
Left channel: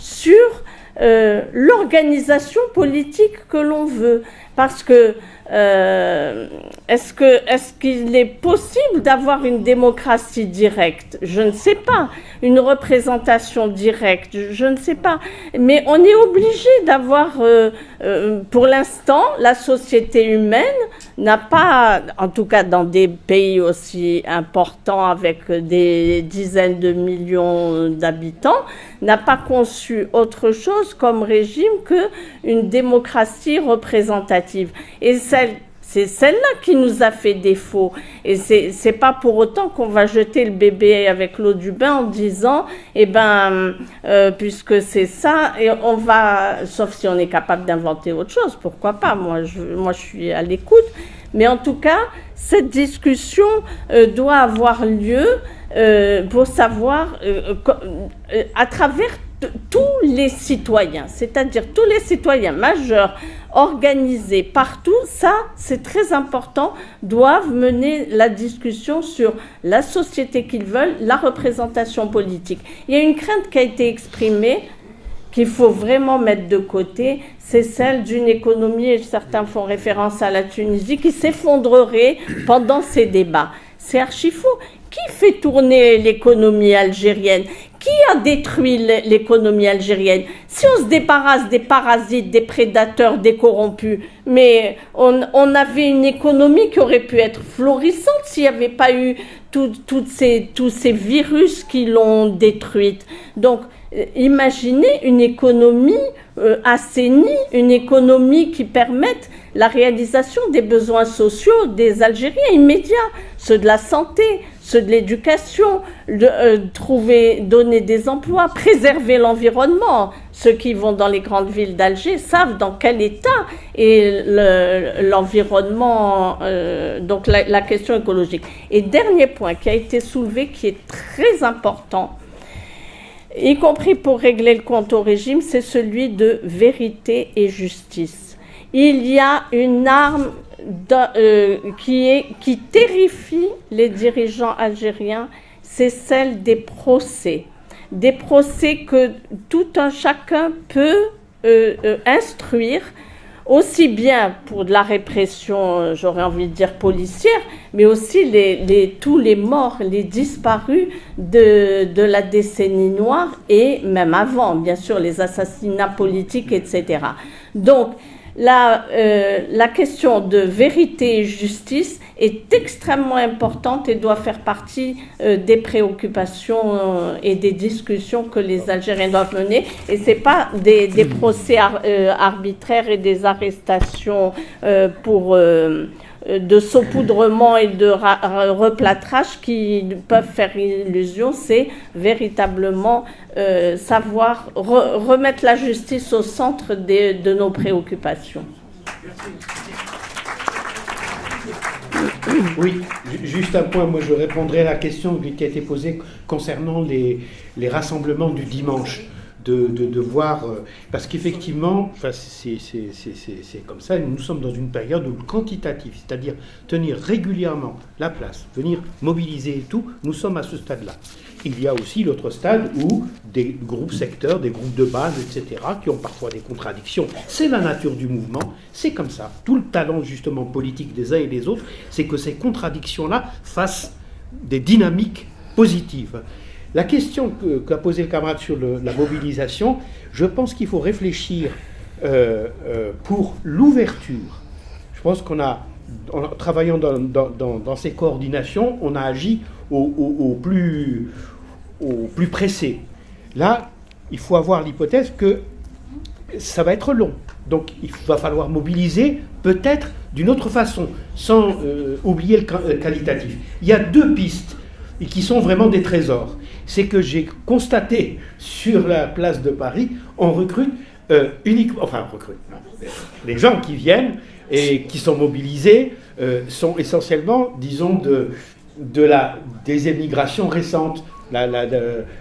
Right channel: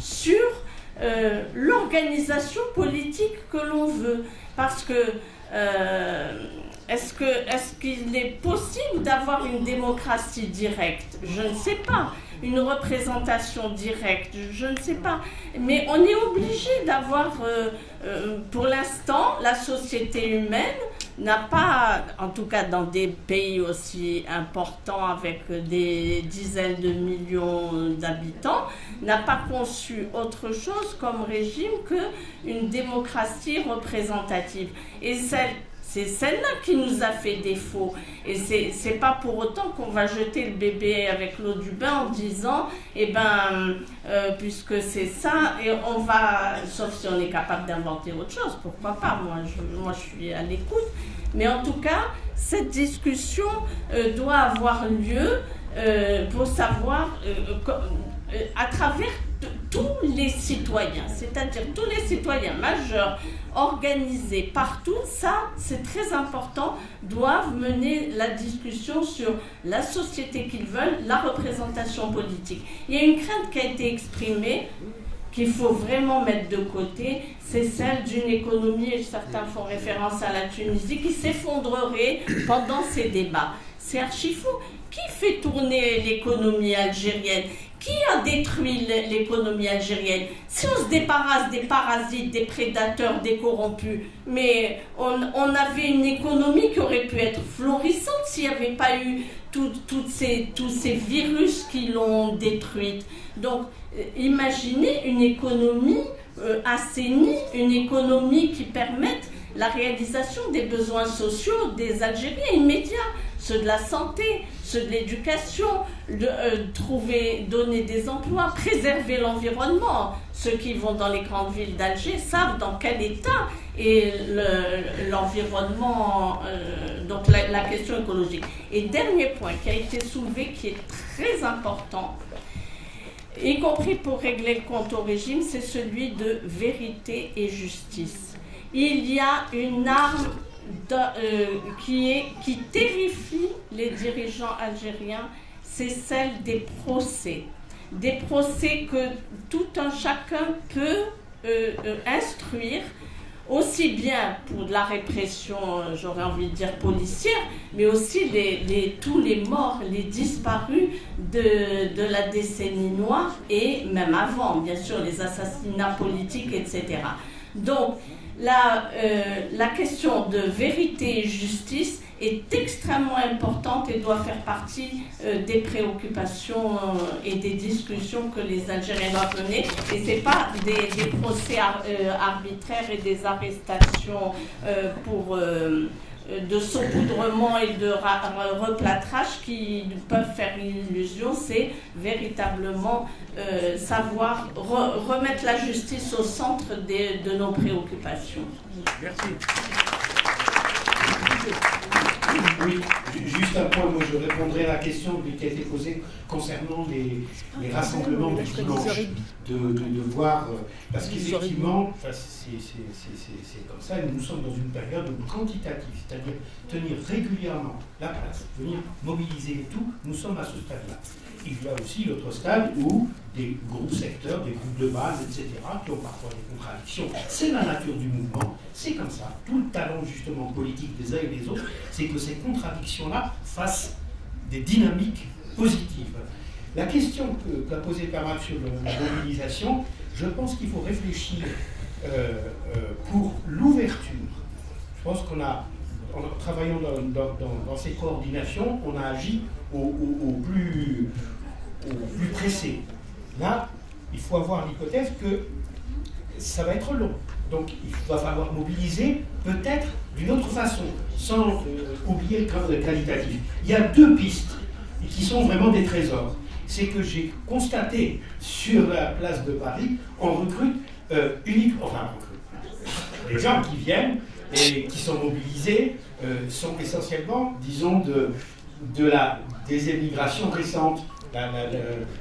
sur l'organisation politique que l'on veut. Parce que est-ce qu'il est possible d'avoir une démocratie directe? Je ne sais pas. Une représentation directe? Je ne sais pas. Mais on est obligé d'avoir, pour l'instant, la société humaine n'a pas, en tout cas dans des pays aussi importants avec des dizaines de millions d'habitants, n'a pas conçu autre chose comme régime qu'une démocratie représentative. Et c'est celle-là qui nous a fait défaut. Et c'est pas pour autant qu'on va jeter le bébé avec l'eau du bain en disant, puisque c'est ça, et on va, sauf si on est capable d'inventer autre chose, pourquoi pas, moi je suis à l'écoute. Mais en tout cas, cette discussion doit avoir lieu pour savoir, à travers tous les citoyens, c'est-à-dire tous les citoyens majeurs, organisés partout, ça c'est très important, doivent mener la discussion sur la société qu'ils veulent, la représentation politique. Il y a une crainte qui a été exprimée, qu'il faut vraiment mettre de côté, c'est celle d'une économie, et certains font référence à la Tunisie, qui s'effondrerait pendant ces débats. C'est archi faux. Qui fait tourner l'économie algérienne? Qui a détruit l'économie algérienne? Si on se débarrasse des parasites, des prédateurs, des corrompus, mais on avait une économie qui aurait pu être florissante s'il n'y avait pas eu tous ces virus qui l'ont détruite. Donc, imaginez une économie assainie, une économie qui permette la réalisation des besoins sociaux des Algériens immédiats, ceux de la santé, ceux de l'éducation, donner des emplois, préserver l'environnement. Ceux qui vont dans les grandes villes d'Alger savent dans quel état est l'environnement, donc la question écologique. Et dernier point qui a été soulevé, qui est très important, y compris pour régler le compte au régime, c'est celui de vérité et justice. Il y a une arme qui terrifie les dirigeants algériens, c'est celle des procès. Des procès que tout un chacun peut instruire, aussi bien pour de la répression, j'aurais envie de dire policière, mais aussi tous les morts, les disparus de la décennie noire et même avant, bien sûr, les assassinats politiques, etc. Donc, la question de vérité et justice est extrêmement importante et doit faire partie des préoccupations et des discussions que les Algériens doivent mener. Et ce n'est pas des procès arbitraires et des arrestations de saupoudrement et de replâtrage qui peuvent faire illusion. C'est véritablement savoir remettre la justice au centre de nos préoccupations. Merci. Oui, juste un point, moi je répondrai à la question qui a été posée concernant les rassemblements du dimanche. De voir, parce qu'effectivement, enfin, c'est comme ça, nous sommes dans une période quantitative, c'est-à-dire tenir régulièrement la place, venir mobiliser et tout, nous sommes à ce stade-là. Il y a aussi l'autre stade où des groupes secteurs, des groupes de base, etc., qui ont parfois des contradictions. C'est la nature du mouvement, c'est comme ça. Tout le talent justement politique des uns et des autres, c'est que ces contradictions-là fassent des dynamiques positives. La question qu'a posée le camarade sur la mobilisation, je pense qu'il faut réfléchir pour l'ouverture. Je pense en travaillant dans ces coordinations, on a agi au plus pressé. Là, il faut avoir l'hypothèse que ça va être long. Donc il va falloir mobiliser peut-être d'une autre façon, sans oublier le qualitatif. Il y a deux pistes qui sont vraiment des trésors. C'est que j'ai constaté sur la place de Paris, on recrute uniquement, enfin on recrute, les gens qui viennent et qui sont mobilisés sont essentiellement, disons, des émigrations récentes,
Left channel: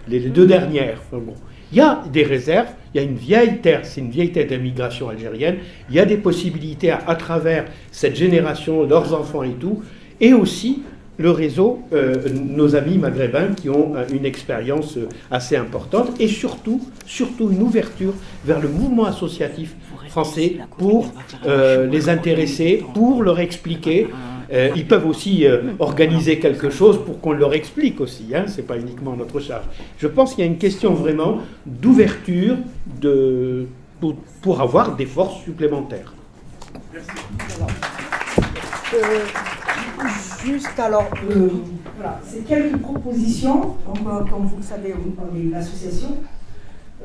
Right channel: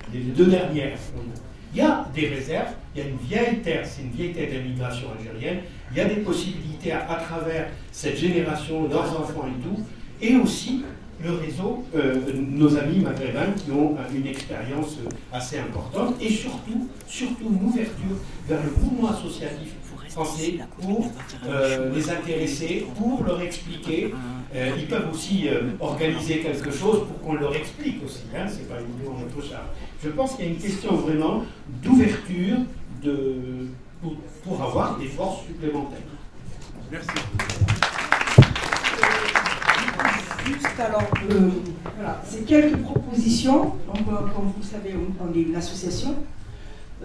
les deux dernières. Bon. Il y a des réserves, il y a une vieille terre, c'est une vieille terre d'immigration algérienne, il y a des possibilités à travers cette génération, leurs enfants et tout, et aussi le réseau, nos amis maghrébins qui ont une expérience assez importante et surtout une ouverture vers le mouvement associatif français pour les intéresser, pour leur expliquer. Ils peuvent aussi organiser quelque chose pour qu'on leur explique aussi, hein, c'est pas uniquement notre charge. Je pense qu'il y a une question vraiment d'ouverture pour avoir des forces supplémentaires. Merci. Juste alors, voilà, c'est quelques propositions. Comme vous le savez, on est une association.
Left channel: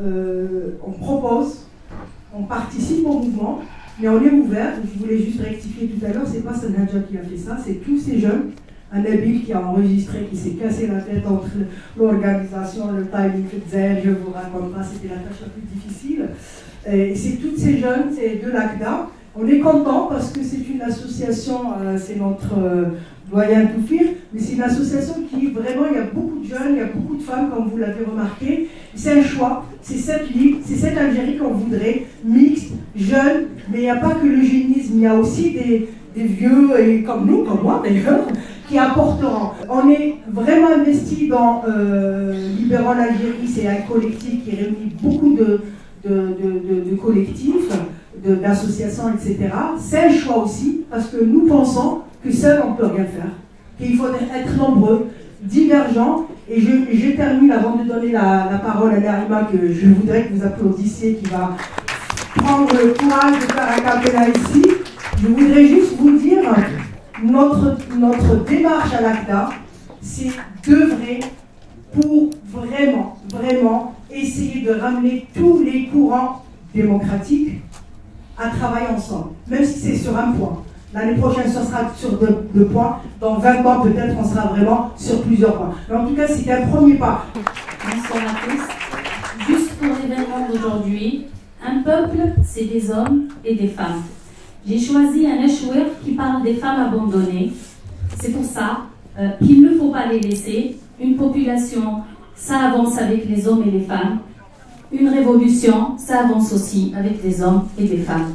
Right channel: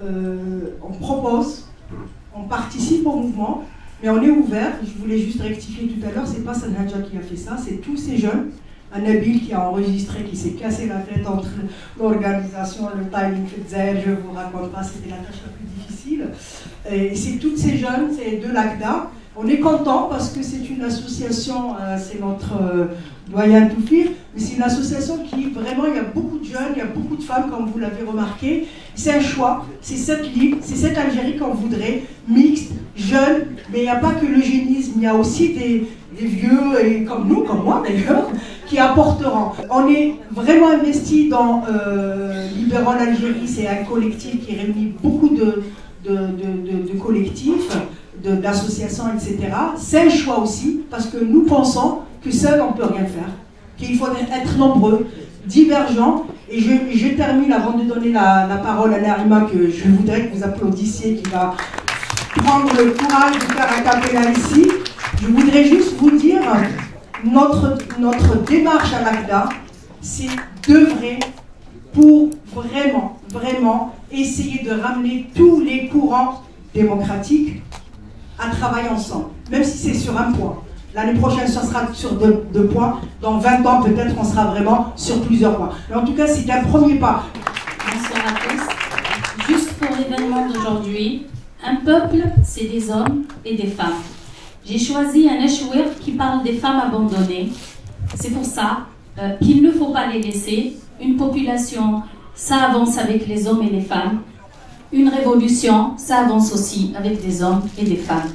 On propose, on participe au mouvement, mais on est ouvert. Je voulais juste rectifier tout à l'heure, c'est pas Sanhadja qui a fait ça, c'est tous ces jeunes. Un Nabil qui a enregistré, qui s'est cassé la tête entre l'organisation, le timing, je ne vous raconte pas, c'était la tâche la plus difficile. Et c'est tous ces jeunes, c'est de l'ACDA. On est content parce que c'est une association, c'est notre doyen Toufir, mais c'est une association qui vraiment, il y a beaucoup de jeunes, il y a beaucoup de femmes, comme vous l'avez remarqué. C'est un choix, c'est cette ligne, c'est cette Algérie qu'on voudrait, mixte, jeune, mais il n'y a pas que l'eugénisme, il y a aussi des vieux, et comme nous, comme moi d'ailleurs, qui apporteront. On est vraiment investi dans Libéral Algérie, c'est un collectif qui réunit beaucoup de collectifs, d'associations, etc. C'est un choix aussi, parce que nous pensons que seul on ne peut rien faire, qu'il faut être nombreux, divergents. Et je termine avant de donner la parole à Narima, que je voudrais que vous applaudissiez, qui va prendre le courage de faire un cappella ici. Je voudrais juste vous dire, notre démarche à l'ACDA, c'est d'œuvrer pour vraiment essayer de ramener tous les courants démocratiques à travailler ensemble, même si c'est sur un point. L'année prochaine, ce sera sur deux points. Dans 20 ans, peut-être, on sera vraiment sur plusieurs points. Mais en tout cas, c'est un premier pas. Bonsoir à tous. Juste pour l'événement d'aujourd'hui, un peuple, c'est des hommes et des femmes. J'ai choisi un échoueur qui parle des femmes abandonnées. C'est pour ça qu'il ne faut pas les laisser. Une population, ça avance avec les hommes et les femmes. Une révolution, ça avance aussi avec des hommes et des femmes.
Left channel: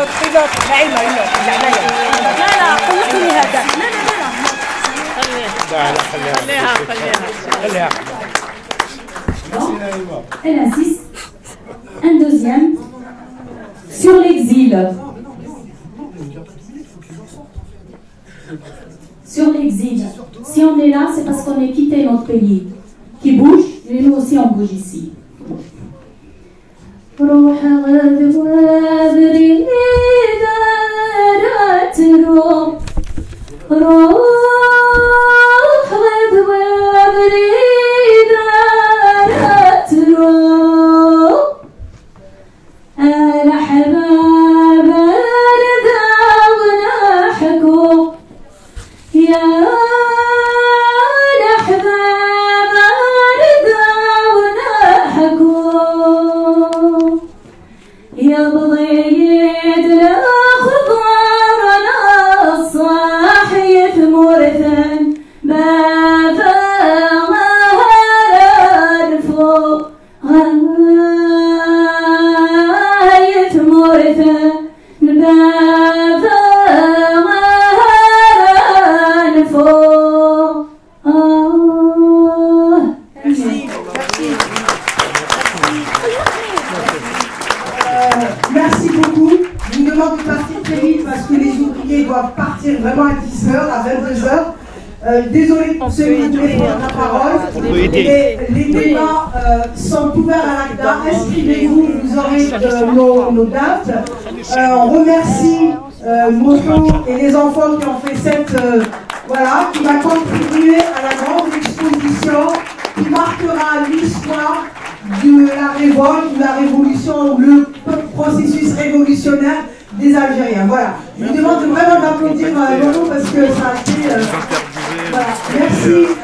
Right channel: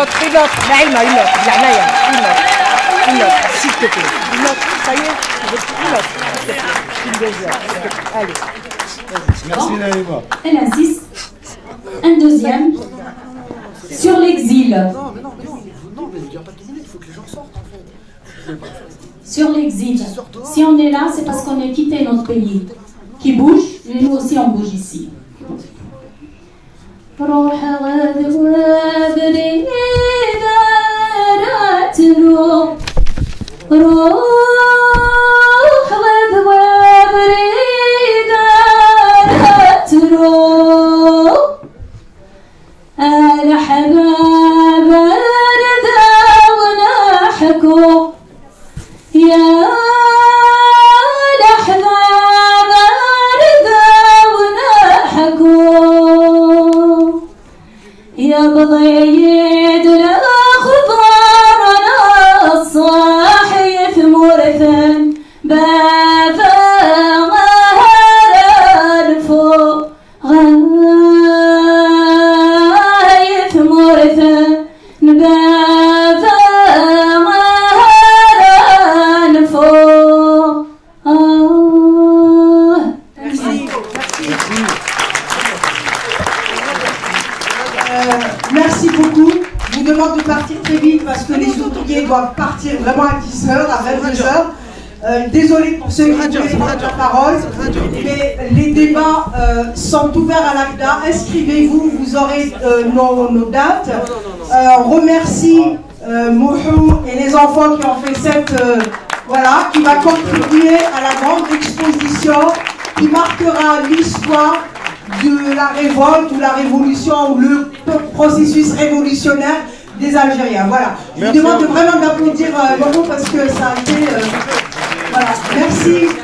autre, Naïma, une autre, Naya, une autre, s'il te plaît. Une autre, ça y est. Allez. Merci Naïma. Elle insiste. Un deuxième. Sur l'exil. Sur l'exil. Si on est là, c'est parce qu'on a quitté notre pays. Qui bouge, mais nous aussi on bouge ici. روح غذب وبريدة راترو روح غذب وبريدة راترو أنا حباب رذا ونحكو يا لحباب رذا ونحكو يا بضيد الأخضر أنا الصاحي ثمرثا بابا غهر الفوق غاي ثمرثا بابا غهر الفوق Merci beaucoup. Je vous demande de partir très vite parce que les ouvriers doivent partir vraiment à 10h, à 22h. Désolé pour ceux qui voulaient prendre la parole. Et les débats sont ouverts à l'ACDA. Inscrivez-vous, vous aurez nos dates. On remercie Mojo et les enfants qui ont fait cette... voilà, qui va contribuer à la grande exposition qui marquera l'histoire de la révolte ou la révolution ou le processus révolutionnaire des Algériens. Voilà. Je vous demande vraiment d'applaudir Mojo parce que ça a été... voilà. Merci.